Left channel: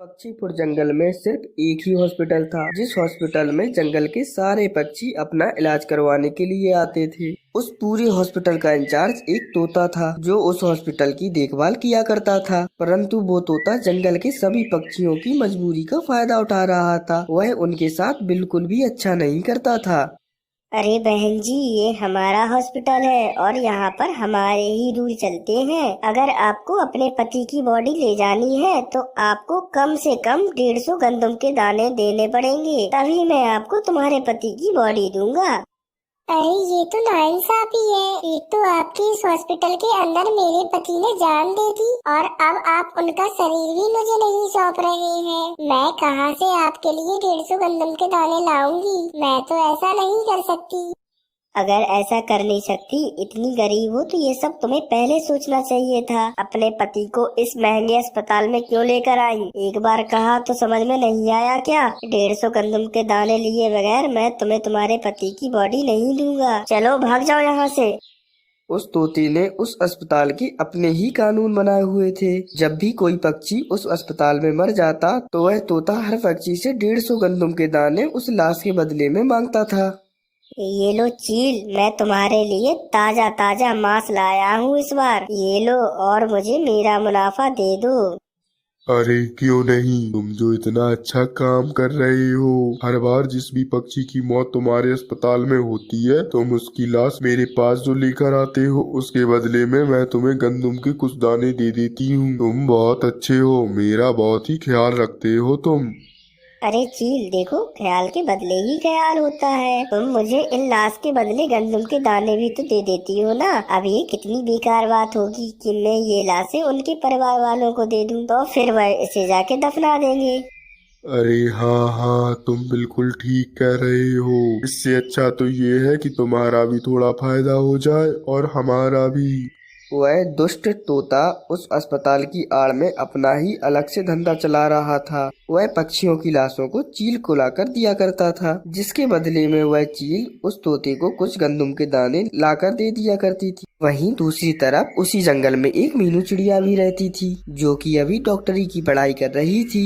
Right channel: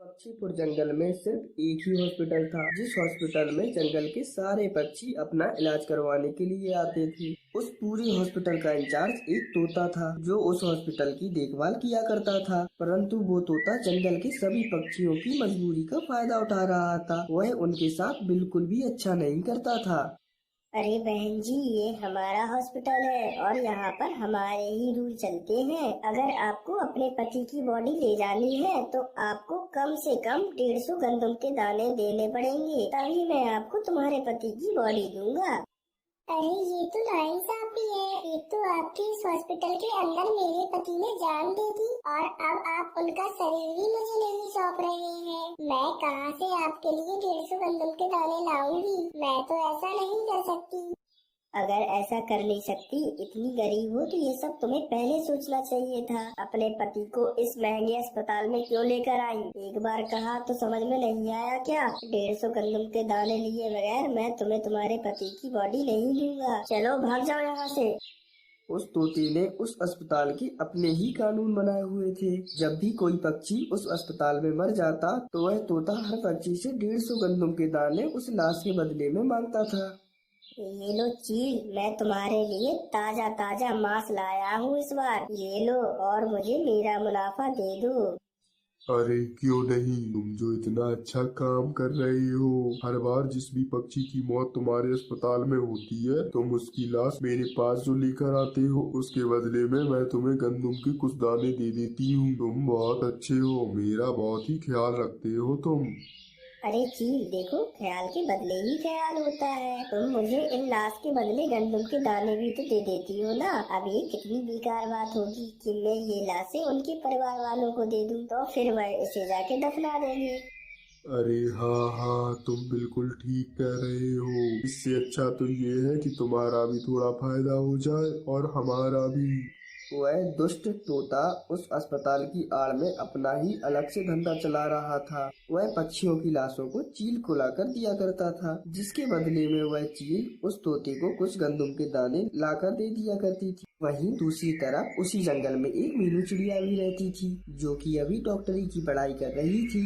पक्षीपुर जंगल में सिर्फ एक ही हॉस्पिटल था, जिस हॉस्पिटल में जंगल के सारे पक्षी अपना इलाज करवाने के लिए आते थे। उस पूरे हॉस्पिटल का इंचार्ज एक तोता था, जो उस हॉस्पिटल की देखभाल किया करता था। परंतु वो तोता जंगल के सभी पक्षियों की मजबूरी का फायदा उठा रहा था। वह उनके साथ बिल्कुल भी अच्छा नहीं करता था। अरे बहन जी, ये हमारा हॉस्पिटल है और यहाँ पर हमारे ही रूल चलते हैं। अगर आपको अपने पति की बॉडी ले जानी है तो आपको कम से कम 150 गंदम के दाने देने पड़ेंगे, तभी मैं आपको तुम्हारे पति की बॉडी दूंगा। अरे ये तो नाइंसाफी है। एक तो आपके इस हॉस्पिटल के अंदर मेरे पति ने जान दे दी और अब आप उनका शरीर भी मुझे नहीं सौंप रहे हैं। मैं कहां से आपके लिए 150 गंदम के दाने लाऊंगी? मैं तो ऐसा नहीं कर सकती। अगर ऐसा कर नहीं सकती, इतनी गरीब हो तो ये सब तुम्हें पहले सोचना चाहिए था। अपने पति को इस महंगे अस्पताल में क्यों लेकर आई? एक बार कहा तो समझ में नहीं आया क्या? 150 गंदम के दाने लिए बगैर मैं तुम्हें तुम्हारे पति की बॉडी नहीं दूंगा। चलो भाग जाओ यहाँ से। उस तोते ने उस अस्पताल के अपने ही कानून बनाए हुए थे। जब भी कोई पक्षी उस अस्पताल में मर जाता तो वह तोता हर पक्षी से 150 गंदम के दाने उस लाश के बदले में मांगता था। ये लो चील, मैं तुम्हारे लिए ताजा ताजा मांस लाया हूँ इस बार। ये लो और मुझे मेरा मुनाफा दे दो। अरे क्यों नहीं, तुम जो इतना अच्छा काम कर रहे हो, हर बार जिस भी पक्षी की मौत तुम्हारे अस्पताल में होती है तुम उसकी लाश मेरे पास जो लेकर आते हो, उसके बदले में मैं तुम्हें गंदम के कुछ दाने दे देती हूँ। तुम बहुत अच्छे हो, मेरा बहुत ही ख्याल रखते हो तुम। अरे चील देखो, ख्याल के बदले ही ख्याल होता है। तुम मुझे इन लाश के बदले गंदम के दाने भी तो दे देती हो ना। अब ये कितनी बेकार बात होगी कि मैं ये लाशें उनके परिवार वालों को दे दूं, तो फिर वह इसे जाके दफना देंगे। अरे हाँ हाँ, तुम बिल्कुल ठीक कह रहे हो। इससे अच्छा तो ये है कि तुम्हारा भी थोड़ा फायदा हो जाए और हमारा भी। वह दुष्ट तोता उस अस्पताल की आड़ में अपना ही अलग से धंधा चला रहा था। वह पक्षियों की लाशों को चील को लाकर दिया करता था, जिसके बदले में वह चील उस तोते को कुछ गंदम के दाने लाकर दे दिया करती थी। वहीं दूसरी तरफ उसी जंगल में एक मीनू चिड़िया भी रहती थी, जो कि अभी डॉक्टरी की पढ़ाई कर रही थी।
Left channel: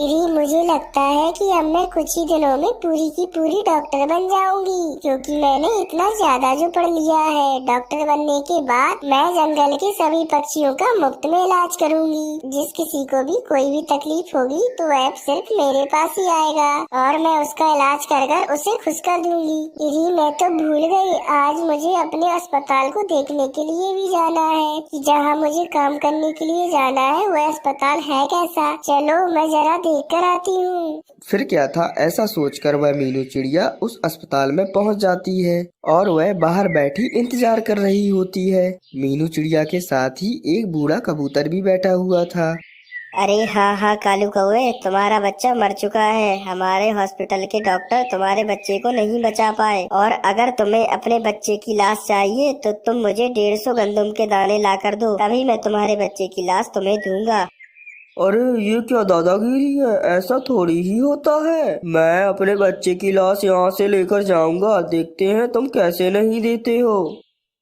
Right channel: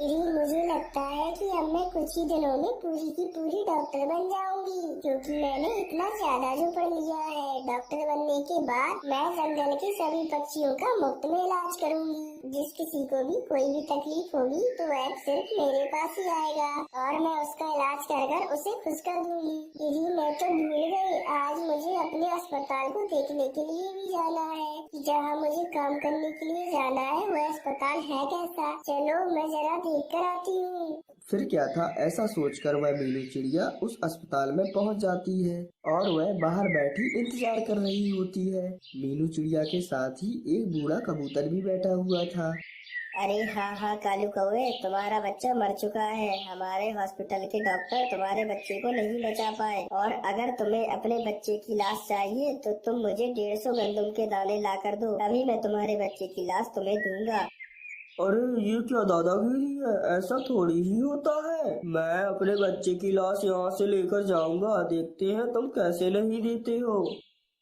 मुझे लगता है कि अब मैं कुछ ही दिनों में पूरी की पूरी डॉक्टर बन जाऊंगी, क्योंकि मैंने इतना ज्यादा जो पढ़ लिया है। डॉक्टर बनने के बाद मैं जंगल के सभी पक्षियों का मुफ्त में इलाज करूंगी। जिस किसी को भी कोई भी तकलीफ होगी तो वह सिर्फ मेरे पास ही आएगा और मैं उसका इलाज कर उसे खुश कर दूंगी। मैं तो भूल गई, आज मुझे अपने अस्पताल को देखने के लिए भी जाना है कि जहाँ मुझे काम करने के लिए जाना है वह अस्पताल है कैसा। चलो मैं जरा देख कर आती हूँ। फिर क्या था, ऐसा सोचकर वह मीनू चिड़िया उस अस्पताल में पहुंच जाती है और वह बाहर बैठी इंतजार कर रही होती है। मीनू चिड़िया के साथ ही एक बूढ़ा कबूतर भी बैठा हुआ था। अरे हाँ हाँ कालू कौवे, तुम्हारा बच्चा मर चुका है। हमारे हॉस्पिटल के डॉक्टर तुम्हारे बच्चे को नहीं बचा पाए, और अगर तुम्हें अपने बच्चे की लाश चाहिए तो तुम मुझे 150 गंदम के दाने ला कर दो, तभी मैं तुम्हारे बच्चे की लाश तुम्हें दूंगा। अरे ये क्या दादागिरी है, ऐसा थोड़ी ही होता है। मैं अपने बच्चे की लाश यहाँ से लेकर जाऊंगा, देखते हैं तुम कैसे नहीं देते हो।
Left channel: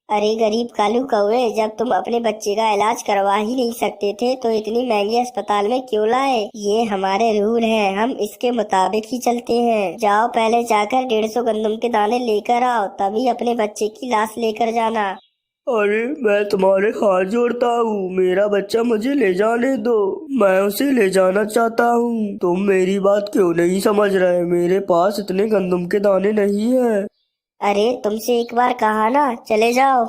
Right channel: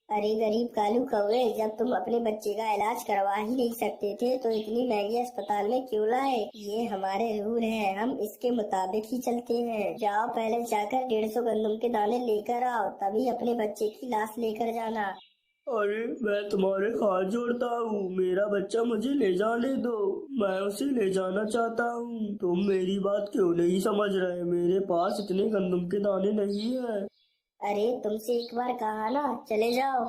अरे गरीब कालू कौवे, जब तुम अपने बच्चे का इलाज करवा ही नहीं सकते थे तो इतनी महंगी अस्पताल में क्यों लाए? ये हमारे रूल हैं, हम इसके मुताबिक ही चलते हैं। जाओ पहले जाकर 150 गंदम के दाने लेकर आओ, तभी अपने बच्चे की लाश लेकर जाना। अरे मैं तुम्हारे हाथ जोड़ता हूँ, मेरा बच्चा मुझे ले जाने दो, मैं उसे ले जाना चाहता हूँ। तुम मेरी बात क्यों नहीं समझ रहे? मेरे पास इतने गंदम के दाने नहीं है। अरे तुमसे एक बार कहा ना, चले जाओ।